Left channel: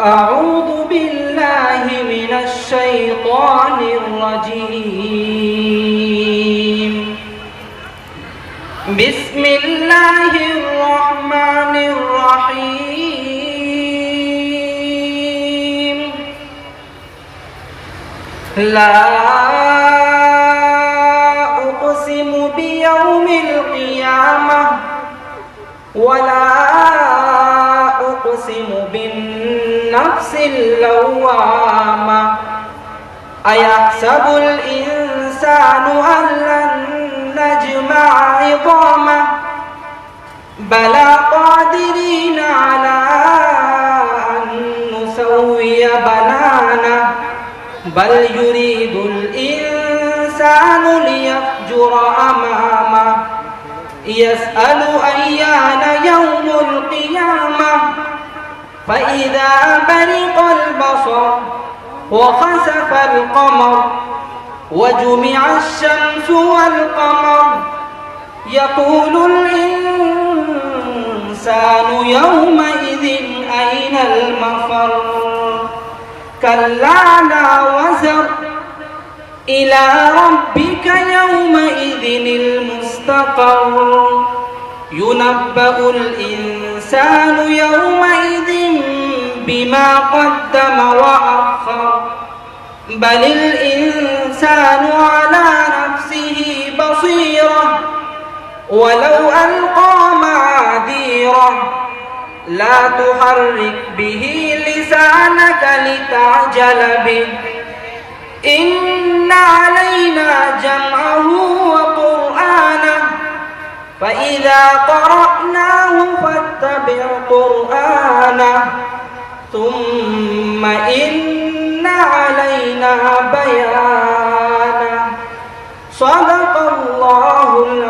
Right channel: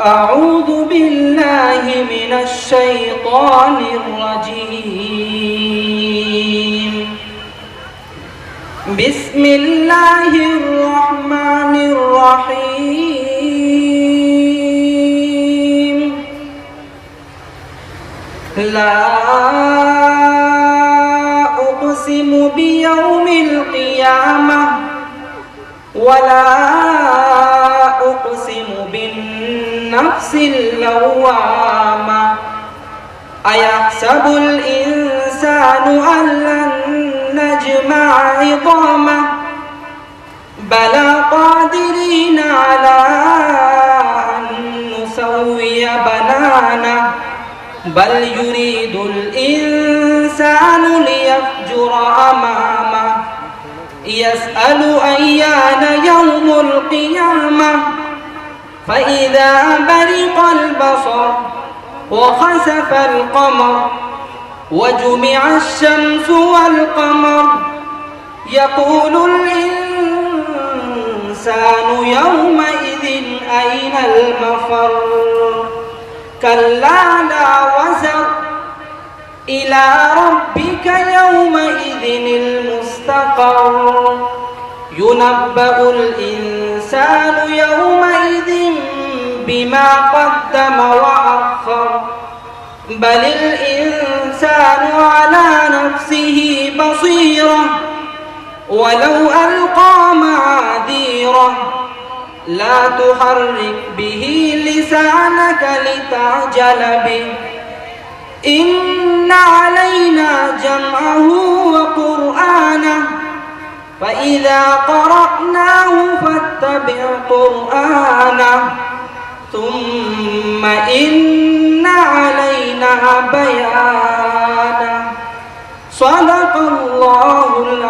أعوذ بالله من الشيطان الرجيم. بسم الله الرحمن الرحيم. لا أقسم بيوم القيامة ولا أقسم بالنفس اللوامة. أيحسب الإنسان أن لن نجمع عظامه بلى قادرين على أن نسوي بنانه بل يريد الإنسان ليفجر أمامه يسأل أيان يوم القيامة فإذا برق البصر وخسف القمر وجمع الشمس والقمر يقول الإنسان يومئذ أين المفر كلا لا وزر إلى ربك يومئذ المستقر ينبأ الإنسان يومئذ بما قدم وأخر بل الإنسان على نفسه بصيرة ولو ألقى معاذيره لا تحرك به لسانك لتعجل به إن علينا جمعه وقرآنه فإذا قرأناه فاتبع قرآنه ثم إن علينا بيانه صدق الله العظيم.